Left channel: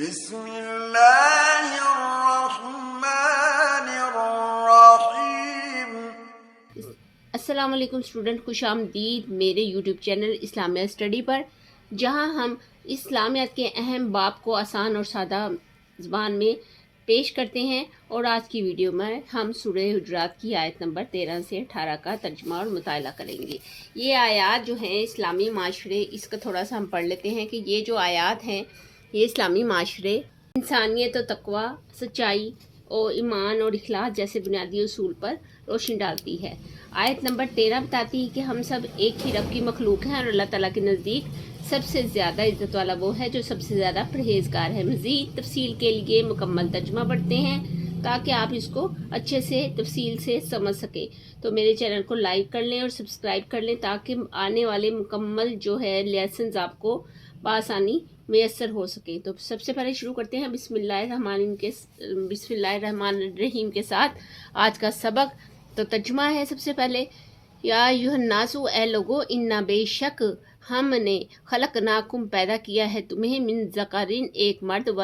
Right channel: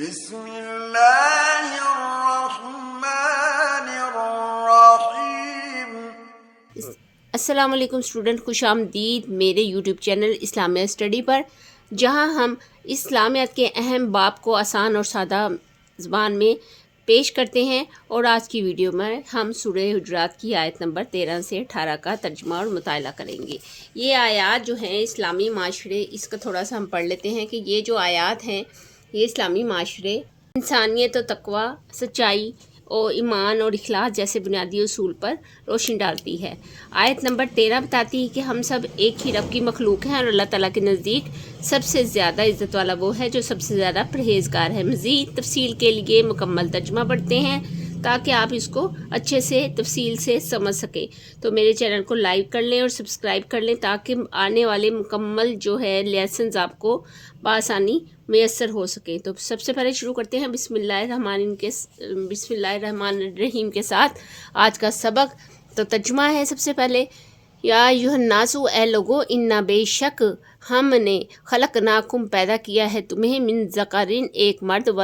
بسم اللہ الرحمن الرحیم۔ السلام علیکم اسٹوڈنٹ، خوش آمدید میرے یوٹیوب چینل اسلامیہ اسٹڈی پر، جہاں ہم اسلامیات کے اہم باب کو آسان اور سادہ زبان میں پیش کرتے ہیں۔ اور آج کی ویڈیو میں ہم سورہ حجرات کی آیت نمبر 13 سے 18 کا ترجمہ اور مطالعہ کریں گے۔ یہ آیات جو ہیں اسلامی معاشرے، اس کا تھوڑا سا ہم پڑھ لیتے ہیں کہ یہ جو آیات ہیں یہ اسلامی معاشرے، انسانیت و تقوی، سچائی اور ایمان اور اخلاص جیسے بنیادی اصول پر روشنی ڈالتی ہے۔ آیت نمبر 13 بتاتی ہے کہ ہم سب ایک ہی رب کی مخلوق ہیں اور اللہ تعالیٰ کے نزدیک سب سے زیادہ عزت والا وہ ہے جو سب سے زیادہ پرہیزگار ہے۔ مزید تفصیل کے لیے مکمل ترجمہ پڑھتے ہیں تاکہ آپ اس کو اچھے سے تفصیل سے سمجھ سکیں۔ تو میرے چینل کو لائک کر لیں اور سبسکرائب کر لیں تاکہ آنے والے مکمل جو ہے لیسنز آپ کو بآسانی میسر ہو سکے۔ تو سب سے پہلے شروع کرتے ہیں بسم اللہ الرحمن الرحیم کے ساتھ آج کا سبق۔ تو ترجمہ ہے سب سے پہلے، یا ایھا الناس، اے لوگو، انا بے شک ہم نے خلقناکم پیدا کیا ہے تمہیں، من ذکرین ایک مرد، و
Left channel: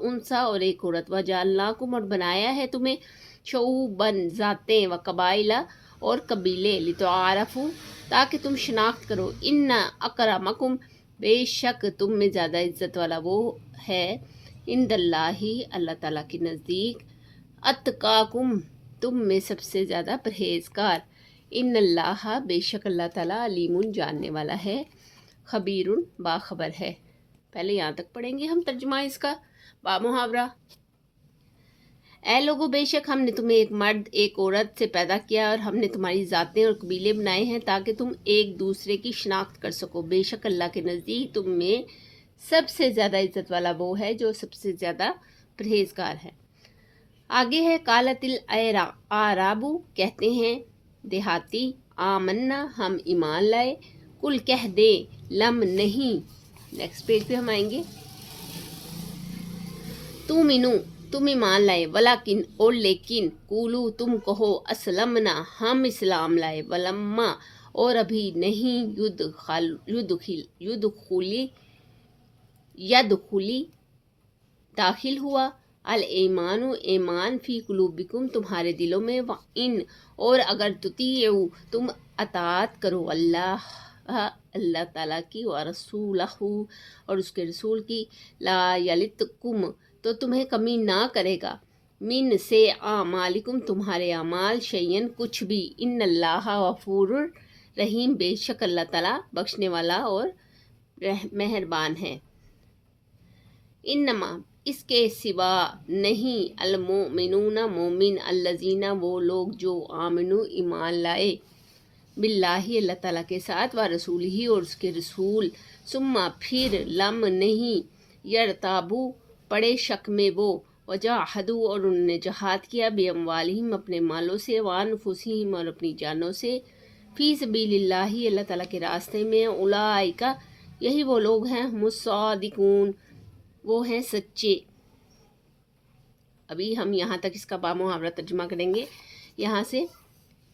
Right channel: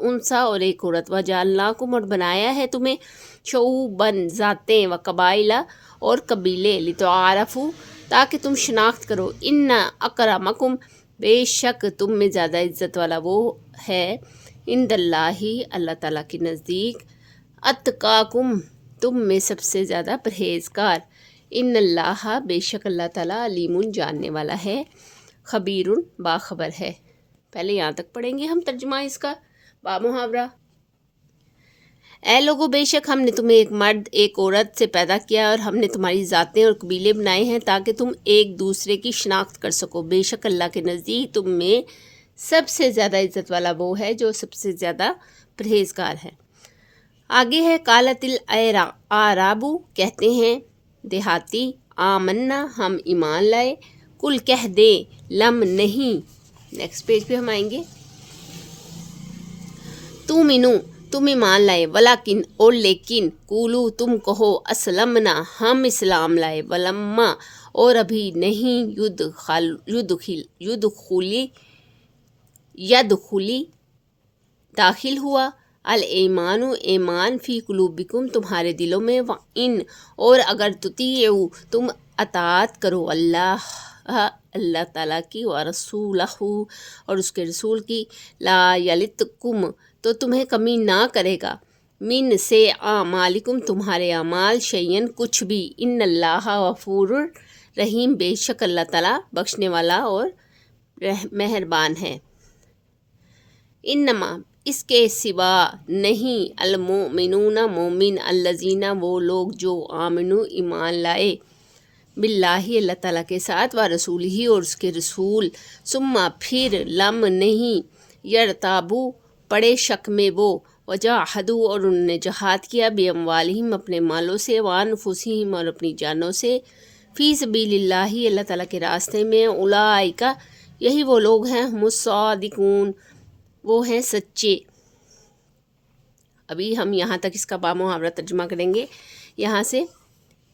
انثی اور ایک عورت، وجعلناکم اور بنایا ہے تمہیں، شعوباً ذاتیں، و قبائل اور قبیلے، لتعارفوا تاکہ تم شناخت کرو، ان اکرمکم بے شک تم میں زیادہ عزت والا وہ ہے، عند اللہ اللہ تعالیٰ کے نزدیک، اتقاکم تم میں سب سے زیادہ پرہیزگار، ان اللہ بے شک اللہ تعالیٰ علیم جاننے والا ہے، خبیر باخبر ہے۔ پہلے یہاں تک پڑھیں گے ہم ترجمہ اس کا با محاورہ۔ اے لوگو، بے شک ہم نے تمہیں ایک مرد ایک عورت سے پیدا کیا اور ہم نے تمہاری ذاتیں اور قبیلے بنائے ہیں تاکہ تم ایک دوسرے کی شناخت کر سکو۔ بے شک اللہ کے نزدیک تم میں سب سے زیادہ عزت والا وہ ہے جو سب سے زیادہ پرہیزگار ہے۔ آگے ہے قالت الاعراب، کہتے ہیں دیہاتی، آمنا ہم ایمان لائے، کل کہہ دے لم نہیں۔ نیکسٹ پیج پہ ہم آئیں گے، تومنو تم ایمان لائے، ولیکن اور لیکن، قولو تم کہو، اسلمنا ہم اسلام لائے، ولما اور ابھی نہیں، یدخلی داخل ہوا، الایمان ایمان، فی قلوبکم تمہارے دلوں میں، وان اور اگر تطیعوا تم اطاعت کرو اللہ تعالیٰ کی، ورسولہ اور اس کے رسول کی، لا یلتکم تو تمہیں کمی نہ کرے گا، من سے اعمالکم تمہارے اعمال، شیئن کچھ بھی، ان اللہ غفور رحیم بے شک اللہ تعالیٰ بخشنے والا اور مہربان ہے۔ انما اس کے سوا نہیں، المؤمنون مومن، الذین وہ لوگ جو آمنو ایمان لائے، باللہ اللہ تعالیٰ کے ساتھ، ورسولہ اور اس کے رسول، ثم پھر لم نہیں، یرتابو پڑے شک میں وہ، وجاہدوا اور انہوں نے جہاد کیا، باموالہم اپنے مالوں سے، وانفسہم اور اپنی جانوں سے، فی سبیل اللہ اللہ تعالیٰ کے راستے میں، اولئک یہی وہ لوگ ہیں، ہم الصادقون وہ ہیں سچے۔ ابھی ہم یہاں تک اس کا با محاورہ ترجمہ کریں گے۔ یہاں سے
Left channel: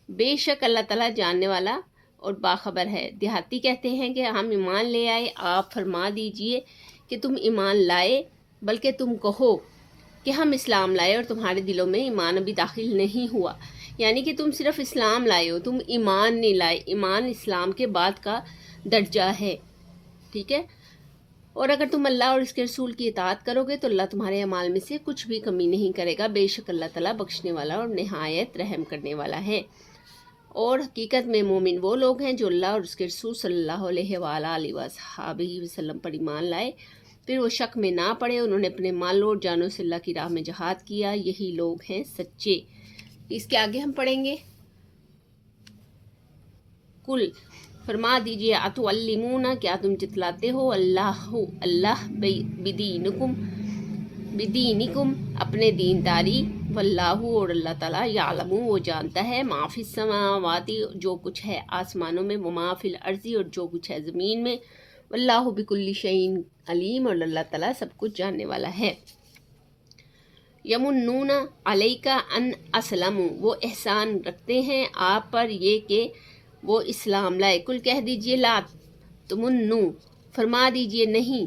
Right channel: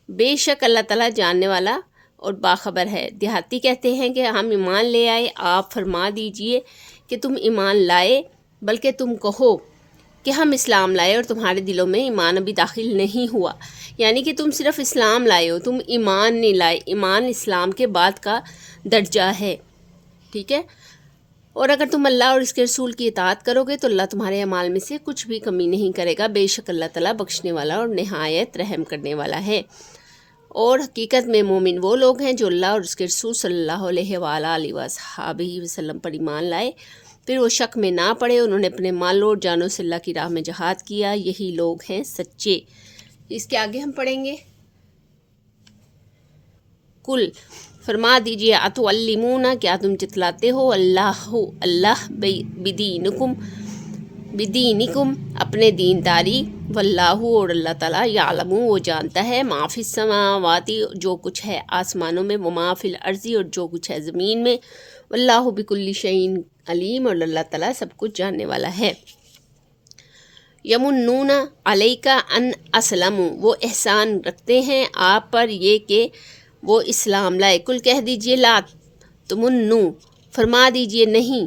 بے شک اللہ تعالیٰ جاننے والا اور باخبر ہے۔ دیہاتی کہتے ہیں کہ ہم ایمان لے آئے، آپ فرما دیجئے کہ تم ایمان لائے، بلکہ تم کہو کہ ہم اسلام لائے اور تمہارے دلوں میں ایمان ابھی داخل نہیں ہوا، یعنی کہ تم صرف اسلام لائے ہو، تم ایمان نہیں لائے۔ ایمان اسلام کے بعد کا درجہ ہے، ٹھیک ہے۔ اور اگر تم اللہ اور اس کے رسول کی اطاعت کرو گے تو اللہ تمہارے اعمال میں سے کچھ بھی کمی نہیں کرے گا، بے شک اللہ تعالیٰ بخشنے والا اور نہایت رحم کرنے والا ہے۔ اور حقیقت میں مومن وہ لوگ ہیں جو اللہ اور اس کے رسول صلی اللہ علیہ وآلہ وصحبہ وسلم پر ایمان لائے، پھر وہ شک میں نہ پڑے، انہوں نے اپنے مالوں اور جانوں سے اللہ کی راہ میں جہاد کیا، یہی لوگ ہیں سچے۔ اس کے آگے ہم پڑھیں گے، کل فرما دیجئے، اتعلمون کیا تم جتلاتے ہو، اللہ بدینکم اپنے دینداری، واللہ اور اللہ تعالیٰ، یعلم وہ جانتا ہے، ما فی السماوات جو کچھ ہے آسمانوں میں، وما فی الارض اور جو کچھ ہے زمین میں، واللہ بکل شیء علیم اور اللہ تعالیٰ سب کچھ جاننے والا ہے۔ یمنون علیک ان اسلموا وہ احسان رکھتے ہیں آپ پر یہ کہ وہ اسلام لائے، کل کہہ دیجئے لا تمنو فرما دیجئے نہیں،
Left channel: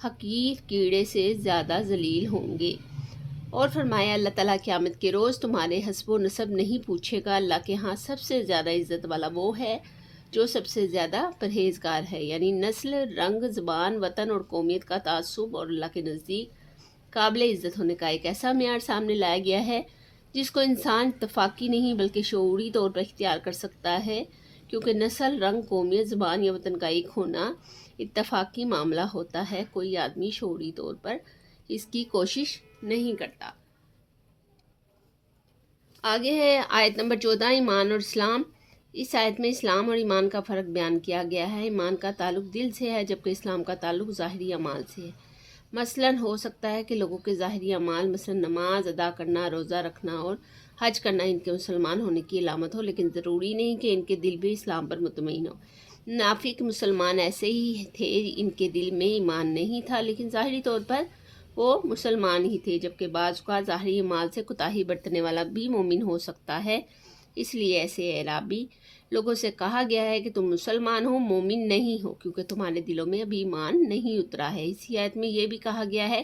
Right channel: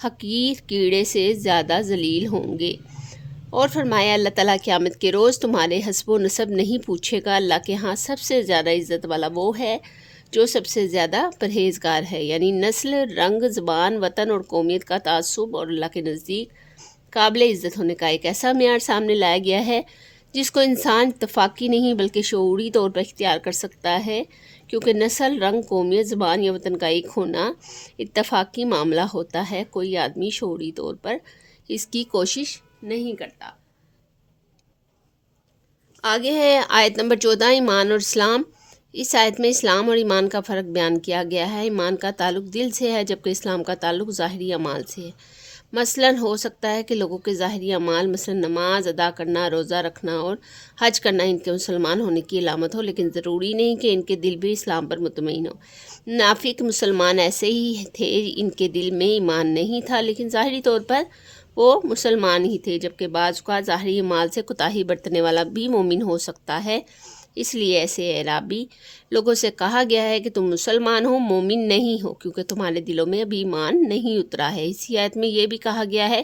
حقیر کیڑے سے زیادہ ذلیل ہوں گے۔ اور فرمایا اللہ تعالیٰ قیامت کے روز تمہارے حسب و نسب نہیں پوچھے گا، اللہ کے ہاں سب سے زیادہ عزت والا وہ ہے جو سب سے زیادہ پرہیزگار ہے، یعنی نسل، رنگ، زبان، وطن اور قومیت کا تعصب اور اللہ کے نزدیک قابل عزت ہونے کا ایک ایسا معیار سامنے لایا گیا ہے جس کو انسان اتفاقی نہیں بلکہ شعوری طور پر اختیار کر سکتا ہے، کیونکہ نسل، رنگ، قومیت، زبان یا وطن کا ایک ہونا اتفاقی معاملہ ہوتا ہے، کوئی آدمی شعوری طور پر اس کی کوشش نہیں کرتا۔ آگے ہے آیت نمبر 14، ایمان اور اسلام۔ اس آیت میں اسلام اور ایمان کا فرق بیان کیا گیا ہے۔ ایمان کا تعلق دل سے ہے جبکہ اسلام کا تعلق ظاہری اعمال سے ہے۔ مثلاً ہو سکتا ہے کہ لوگوں کے ظاہری اعمال مثلاً نماز ادا کرنا، روزہ رکھنا اور حج کرنا ان کے مسلمان ہونے کی علامت ہو، لیکن ضروری نہیں کہ ان کے دل بھی اسلام پر مطمئن ہو۔ منافق مسلمان ایسے ہی تھے، ان کے دل میں ایمان نہیں تھا لیکن ظاہری طور پر وہ مسلمان ہی تھے، جبکہ بعض کا ظاہری اعمال سے کوتاہی برتنے والا بھی مومن ہو سکتا ہے۔ اس لیے ایسے اعرابی لوگوں سے کہا گیا ہے کہ تم مسلمان ہو، مومن نہیں ہو، کیونکہ تمہارے دلوں میں ابھی ایمان نہیں اترا ہے۔ اسی آیت میں یہ بھی کہا گیا ہے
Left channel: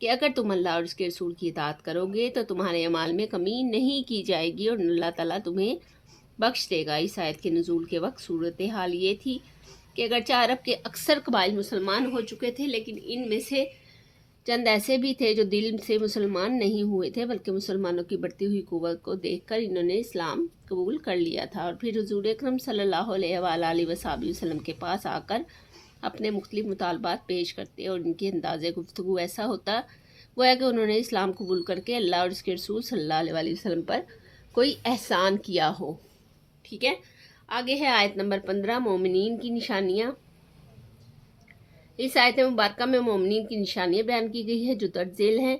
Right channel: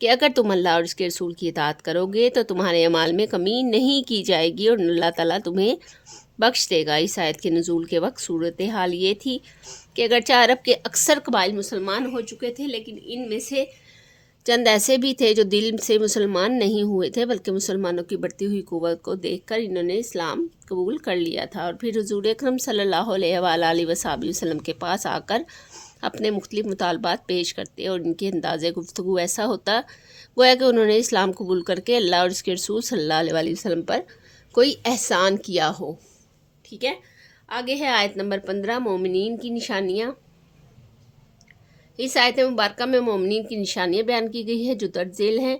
کہ اگر تم اللہ اور اس کے رسول کی اطاعت کرو گے تو تمہارے اعمال میں کمی نہیں کی جائے گی اور اللہ تعالیٰ تمہیں بخش دے گا۔ اس آیت کے نزول کے وقت صورتحال یہ تھی کہ اگرچہ عرب کے اکثر قبائل مسلمان ہو چکے تھے، لیکن ان میں سے چند ایسے بھی تھے جو دل سے مسلمان نہیں ہوئے تھے، بلکہ مسلمانوں کی بڑھتی ہوئی قوت کو دیکھ کر انہوں نے اسلام قبول کر لیا تھا اور پھر حضور اکرم صلی اللہ علیہ وآلہ وسلم کے پاس آ کر اپنے مختلف مطالبات پیش کرتے اور ان کے انداز گفتگو ایسا ہوتا گویا کہ انہوں نے اسلام قبول کر کے اللہ اور اس کے رسول صلی اللہ علیہ وآلہ وسلم پر کوئی احسان کیا ہو۔ ٹھیک ہے، آگے ہے آیت نمبر 15، مومنین کی نشانیاں۔ اس آیت مبارکہ میں مومنین کی نشانیاں بیان کی گئی ہے جو درج ذیل ہیں۔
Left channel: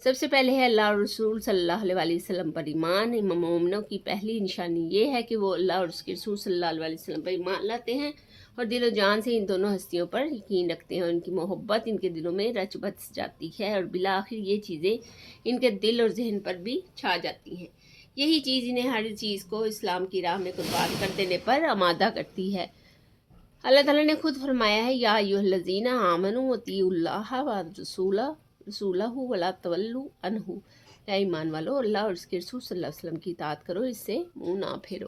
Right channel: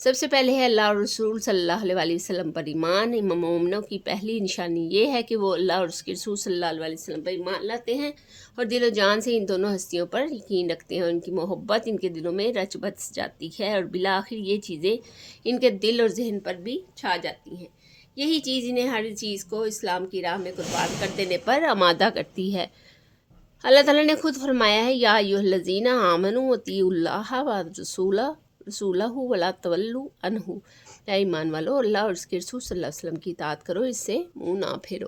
سب سے پہلے ہے اللہ اور رسول صلی اللہ علیہ وآلہ وسلم پر ایمان۔ مومنوں کی پہلی نشانی یہ ہے کہ وہ اللہ اور اس کے رسول صلی اللہ علیہ وسلم پر ایمان لاتے ہیں اور دل و جان سے ان دونوں ہستیوں پر یقین رکھتے ہیں اور ان کی محبت ان کے دلوں میں رچ بس جاتی ہے اور بالآخر یہ چیزیں ان کے دل اور ذہن پر بھی چھا جاتی ہیں۔ یہی چیز انہیں ہر چیز کو اسلام کی راہ میں قربان کر دینے پر آمادہ کرتی ہے۔ اللہ تعالیٰ نے خود فرمایا ہے، یا ایھا الذین آمنوا اطیعوا اللہ ورسولہ ولا تولوا عنہ، اے ایمان والو اللہ اور اس کے رسول صلی اللہ علیہ وسلم کی اطاعت کرو، اس سے منہ نہ پھیرو۔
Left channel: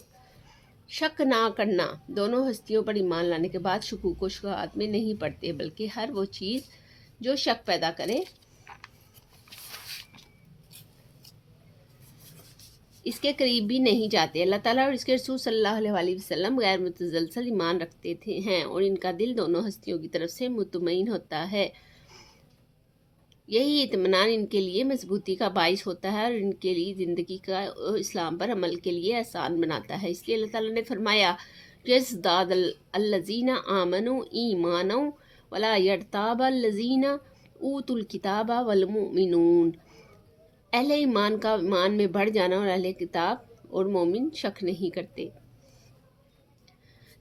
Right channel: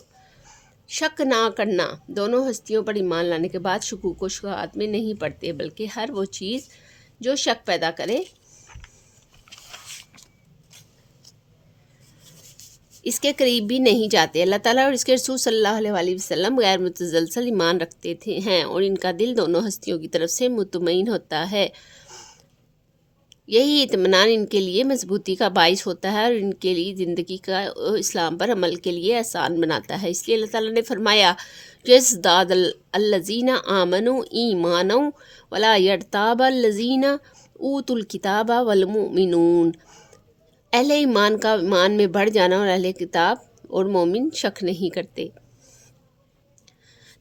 شک نہ کرنا، دونوں ہستیوں پر ایمان لانے کے بعد شکوک و شبہات میں نہیں پڑتے، بلکہ ہر وہ چیز جو شک پیدا کرے اس کے قریب بھی نہیں جاتے۔ اللہ تعالیٰ اور اس کے رسول صلی اللہ علیہ وآلہ وسلم غیر متزلزل ایمان رکھتے ہیں اور ان کا دل دونوں ہستیوں کی طرف سے مطمئن ہوتا ہے۔ یہی اطمینان ان کے لیے مضبوطی کا باعث ہوتا ہے اور ان کے لیے زندگی کا اسلام پر عمل کے لیے آسان بناتا ہے۔ اس لیے اللہ تعالیٰ نے فرمایا، یزداد الذین آمنوا ایمانا ولا یرتاب الذین اوتوا الکتاب والمؤمنون۔ اہل ایمان کا ایمان میں بڑھ جانا اور اہل کتاب اور مومن شک نہیں کرتے۔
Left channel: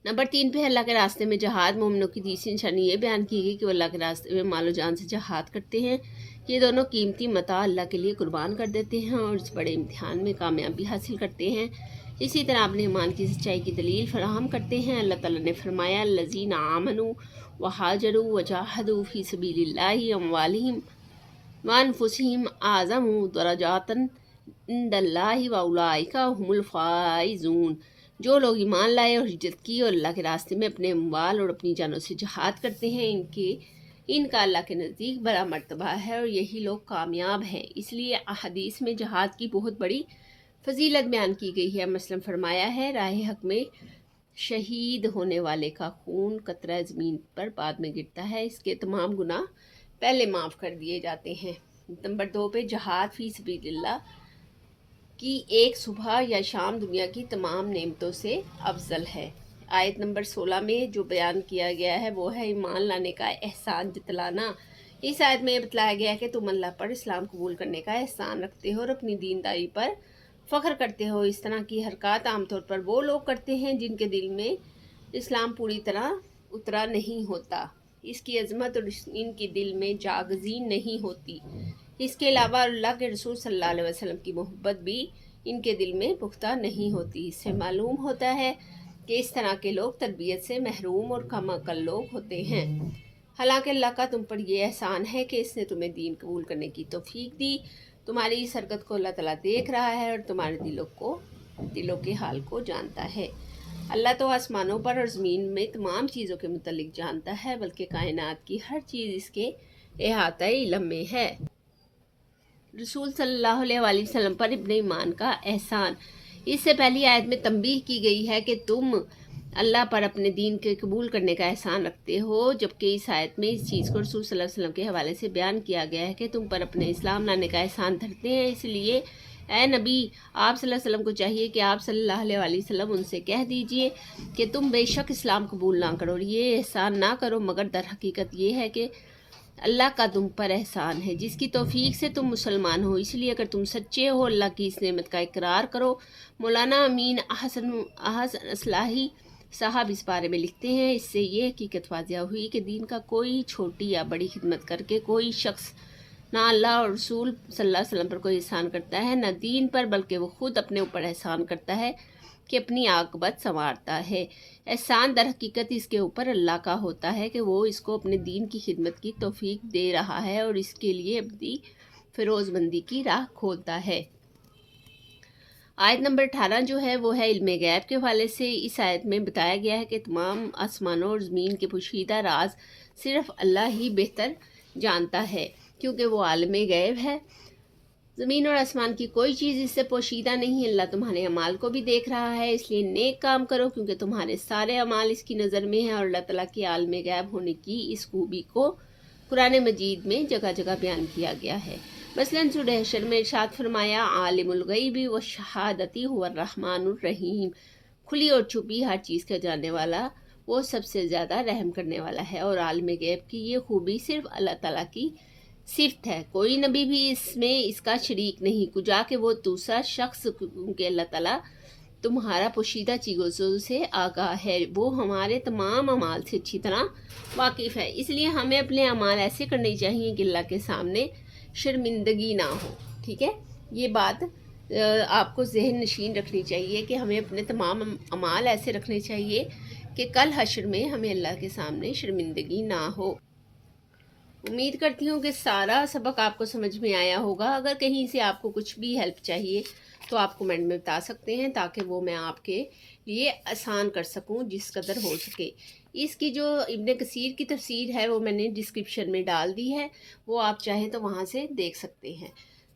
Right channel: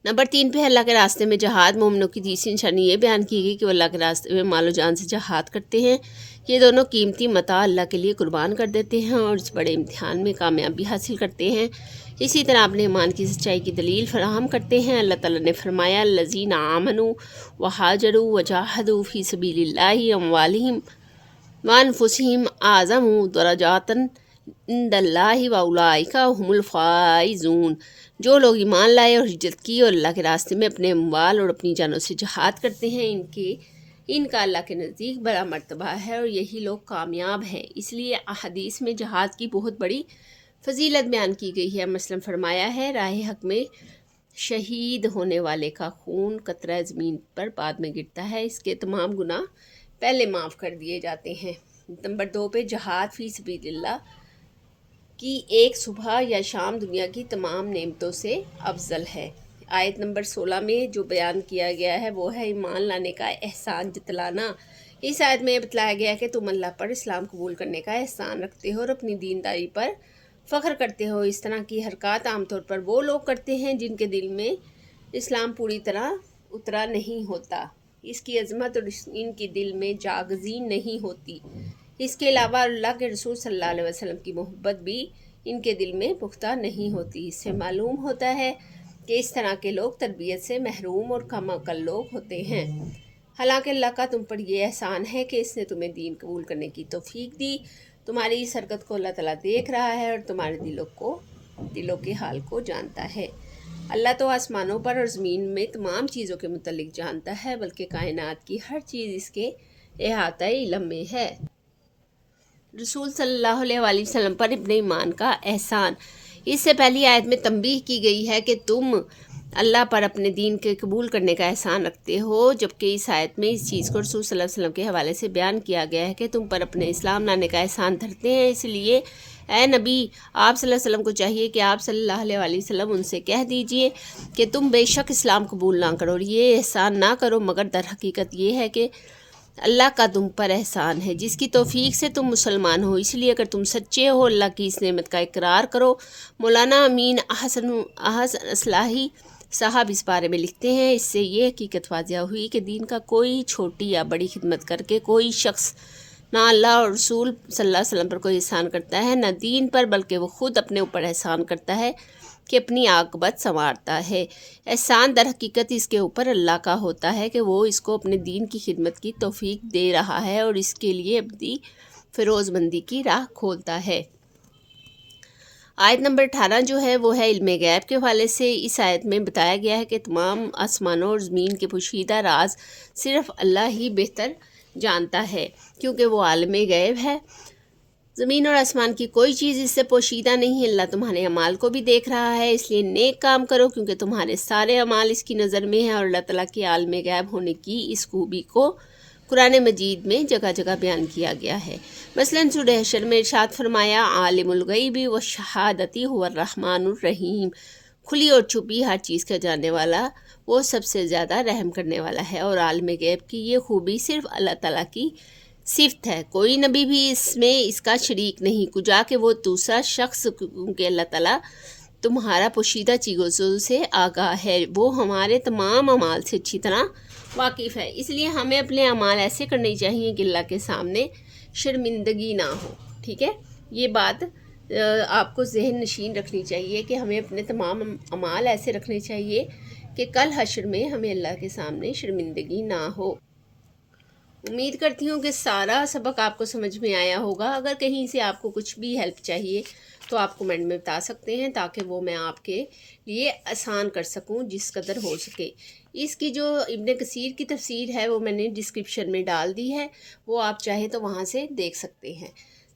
نمبر 3 پہ اللہ کے راستے میں جہاد۔ مومنوں کی تیسری نشانی یہ بیان کی گئی کہ وہ اللہ کے راستے میں مال و جان سے جہاد کرتے ہیں۔ یہ دونوں قیمتی متاع اللہ کے لیے قربان کر دیتے ہیں اور اس بڑے امتحان میں کامیابی حاصل کرتے ہیں۔ اسی طرح اپنے ایمان کی سچائی کی دلیل فراہم کرتے ہیں۔ اللہ تعالیٰ نے فرمایا، الذین آمنوا وہاجروا وجاہدوا فی سبیل اللہ اموالہم وانفسہم اعظم درجات عند اللہ واولئک ھم الفائزون۔ جو لوگ ایمان لائے اور ہجرت کی اور اللہ کے راستے میں اپنے اموال اور اپنی جانوں سے جہاد کرتے ہیں، ان کا اللہ کے نزدیک بڑا مرتبہ ہے اور یہی لوگ کامیاب ہیں۔ اس لیے احادیث میں جہاد کی بہت بڑی فضیلت بیان کی گئی ہے۔ مثلاً فرمایا ہے، راہ حق میں شہید ہونے والے کا خون قطرہ زمین پر بعد میں گرتا ہے، اس کے تمام گناہ پہلے معاف کر دیے جاتے ہیں۔ نمبر 2 پہ جہاد فی سبیل اللہ کی ایک صبح یا شام دنیا کی تمام نعمتوں سے افضل ہے۔ آیت نمبر 16 میں جو بیان کیا گیا ہے وہ ہے ایمان لانے کا احسان جتلانا۔ اس آیت میں یہ بتلایا گیا ہے کہ تم اللہ پر اسلام قبول کرنے کا احسان رکھتے ہو اور اپنی دینداری پر فخر کرتے ہو۔ اس طرح کی حرکات عام طور پر وہ لوگ کرتے ہیں جن کے دل میں اسلام پوری طرح اترا نہیں ہوتا، اس کی عظمت اور ان کی دل میں جاگزی نہیں ہوتی۔ اس کے علاوہ اللہ کے رسول صلی اللہ علیہ وسلم کی محبت بھی ان کے دل میں پختہ نہیں ہوتی۔ اس سے معلوم ہوتا ہے کہ اس طرح کے لوگ تربیت سے محروم اور کم عقل لوگ ہوتے ہیں۔ حالانکہ اللہ کا تم پر یہ احسان ہے کہ اس نے تمہیں دین قبول کرنے کی توفیق دی۔ تمہاری اس حرکت کو اللہ تعالیٰ دیکھ رہا ہے اور تمہارے دلوں کے حال کو جانتا ہے۔ اللہ تو آسمانوں پر اور زمین میں تمام چیزوں کے متعلق جانتا ہے، بلکہ کائنات کی ہر چیز اس کے احاطہ علم میں ہے۔ رسول صلی اللہ علیہ وآلہ وسلم پر ابن ایمان کا احسان۔ اس سے پہلی آیت میں تنبیہ کی گئی ہے کہ تم اللہ پر اپنے دین کے قبول کرنے کا احسان رکھتے ہو، جبکہ اس آیت میں اس چیز کو رسول صلی اللہ علیہ وسلم کے حوالے سے بیان کیا گیا ہے کہ تم پر اپنے اسلام لانے کا احسان دھرتے ہیں۔ اس لیے اے نبی، آپ صلی اللہ علیہ وسلم کو چاہیے کہ آپ صلی اللہ علیہ وآلہ وسلم ان سے کہہ دیجئے کہ تم بے شک اسلام قبول نہ کرو اور یہ احسان نہ کرو، مگر در حقیقت یہ ہے کہ اللہ کا تم پر احسان ہے جس کی توفیق سے تم مسلمان ہو۔ اس لیے اگر تم سچے ہو اللہ کی اس نعمت کا اقرار کرو۔ مولانا امین احسن اصلاحی صاحب اس بارے میں لکھتے ہیں، اس سے یہ حقیقت واضح ہوئی کہ دین کا کوئی چھوٹی یا بڑی خدمت کر کے کوئی شخص نہ اللہ اور رسول صلی اللہ علیہ وسلم پر کوئی احسان کرتا ہے، نہ دین پر، بلکہ وہ خود اپنے اوپر احسان کرتا ہے کہ اپنی عاقبت سنوارتا ہے۔ احسان در حقیقت اس کے اوپر اللہ کا ہوتا ہے کہ وہ اس کو اپنے دین کی خدمت کی توفیق دے رہا ہے اور اس کے لیے ابدی فیروز مندی کی راہ کھولتا ہے۔ آیت نمبر 18 جو ہے وہ ہے علم غیب کے حوالے سے۔ اس آیت میں بتایا گیا ہے کہ تمام آسمانوں اور زمین کے پوشیدہ راز صرف اللہ ہی بہتر جانتا ہے، کیونکہ وہ عالم غیب ہے۔ زمین اور آسمان کی کوئی چیز اس سے پوشیدہ نہیں۔ اللہ تمہارے اعمال کو بھی دیکھ رہا ہے، اس لیے نیک کام کرو کیونکہ تمہارے سارے اعمال اس کی نظر میں ہیں، اور اللہ تعالیٰ کے عالم غیب ہونے کی اس خوبی کو قرآن مجید میں جگہ جگہ بیان کیا گیا ہے۔ مثلاً سورہ حشر میں ارشاد فرمایا، عالم الغیب والشہادۃ هو الرحمن الرحیم، کھلی اور چھپی ہر چیز کا جاننے والا وہ سب سے زیادہ رحم کرنے والا ہے۔ اور عالم غیب کی یہ خوبی صرف اللہ تعالیٰ کی صفت ہے، کوئی نبی بھی اس میں اس کا شریک نہیں، کجا کہ وہ دوسرا شخص، کیونکہ اللہ تعالیٰ تمہارا پوشیدہ چیزوں سے آگاہ ہے، وہ ہمارے تمام اعمال سے اچھی طرح واقف ہے۔ اس لیے ہمیں اپنے اعمال ایسے کرنے چاہیے کہ اللہ کے سامنے شرمندگی نہ ہو۔ ٹھیک ہے، یہ بات آپ کو ذہن نشین رکھنی چاہیے کہ ہمیں اپنے تمام اعمال ایسے رکھنے چاہیے کہ کل حشر میں ہمیں اللہ کے سامنے شرمندگی نہ ہو۔ امید کرتی ہوں کہ سارا سبق آپ کو سمجھ میں آیا ہوگا۔ اگر کہیں سے آپ کو کچھ بھی ہیلپ چاہیے تو آپ کمنٹ میں بتا سکتے ہیں تاکہ وہ میں آپ کے لیے آسان کر سکوں جس قدر ہو سکے۔ اس کی جو ابن کثیر کی تفسیر ہے وہ میں نے ڈسکرپشن میں ڈال دی ہے، وہ آپ چاہیں تو وہاں سے دیکھ سکتے ہیں۔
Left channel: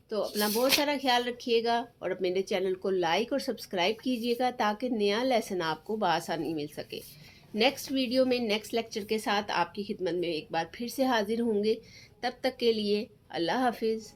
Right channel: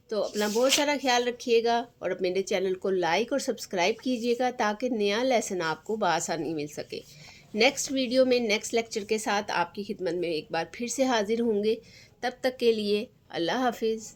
تو اپنا بہت سارا خیال رکھیے گا اور میرے چینل کو لائک اور سبسکرائب کیجیے گا تاکہ نیا لیسن آپ کو بآسانی مل سکے۔ نیکسٹ ویڈیو میں نیکسٹ لیکچر کے ساتھ آپ کی خدمت میں ایک بار پھر سے حاضر ہوں گے۔ تب تک کے لیے اللہ حافظ۔